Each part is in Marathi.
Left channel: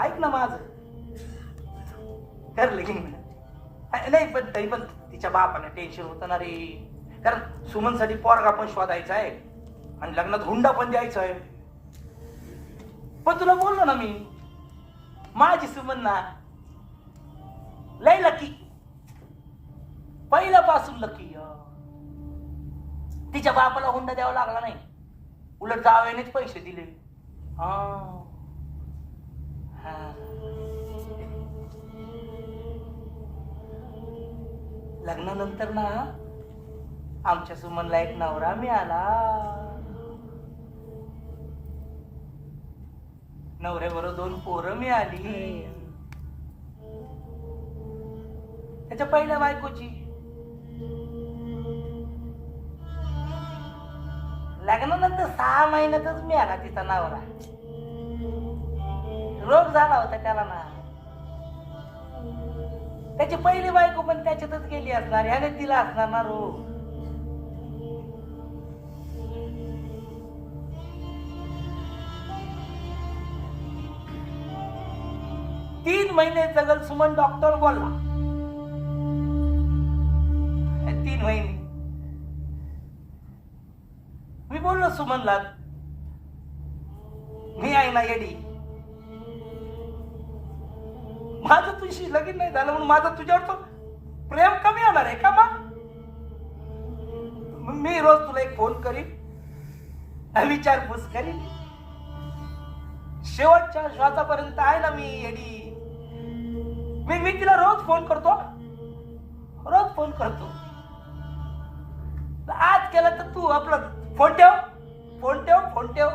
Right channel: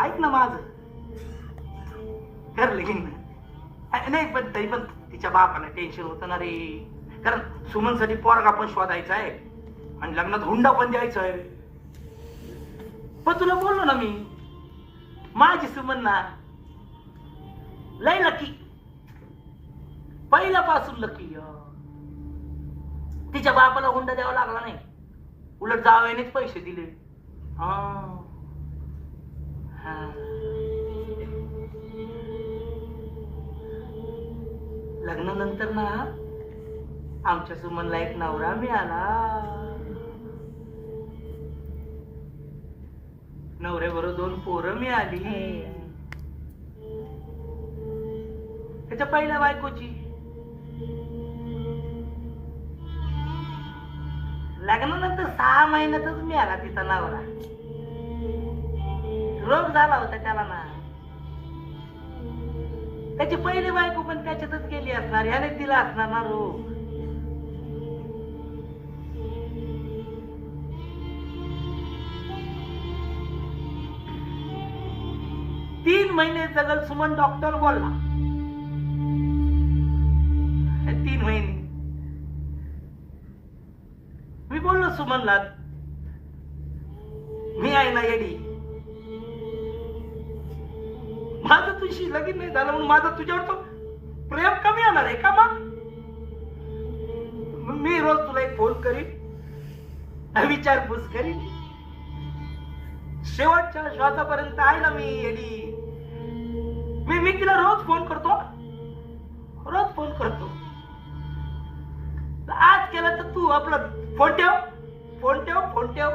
ऐक ना माझं, कर लगीन. नाही पण तरी पण तिच्या बापाला टेन्शन होतं ना रे, कारण सुमनसाठी पोरगा पण शोधायचा आहे आणि लग्नात हुंडा पण द्यायचा आहे. पण तुला बोललो ना मी, माझी सुमन ना लय लकी, पहिल्यापासून लकी. तिच्या बापाला हुंडा द्यावा लागला नाही, उलट जावयानेच पैसे दिले. हा हा. लग्नानंतर ना आमच्या सुमनला एक नवरा मिळाला. नवऱ्याबरोबर 2 पोरं मिळाली. त्याच्या पहिल्या बायकोची. लग्नानंतर 6 महिन्यातच मिळाला तिचा नवरा. रोग झाला होता त्याला ना. त्याची पहिली बायको पण त्याच्यातच गेली असणार, ह्याने दिला असणार ना रोग. तीन महिने जगल सुमन, डॉक्टर बोलला. 3 महिने मी बोललो सुमनला, मी आहे ना येडी, माझं तुझी लगीन नाही झालं म्हणून माझं तुझ्यावर तो प्रेम कमी होणार आहे का? मग मी रोज तुला एक फोन करीन, विचारपूस करीन, शेवटच्या श्वासापर्यंत आहे ना मी येडी. मी तिला रोज फोन करतो, रोज फोन करतो. आज केला तर तू आपला फोन ठेव, फोन ठेव, फोन ठेव.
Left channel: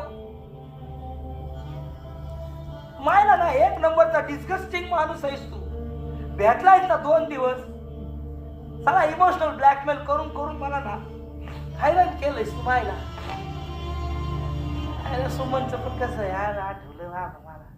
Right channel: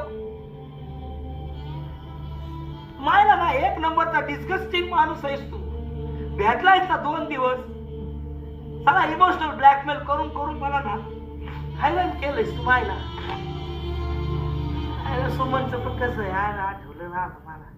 मायला ना 1 नंबरचा डिस्गस्टिंग माणूस आहेस तू. भेटलायस ना 2 दिवस, सगळा इमोशनल ब्लॅकमेल करून करून मला ना हैराण केलंयस तू मायला. सुमनचं पण कसं यार आठवलं ना मला.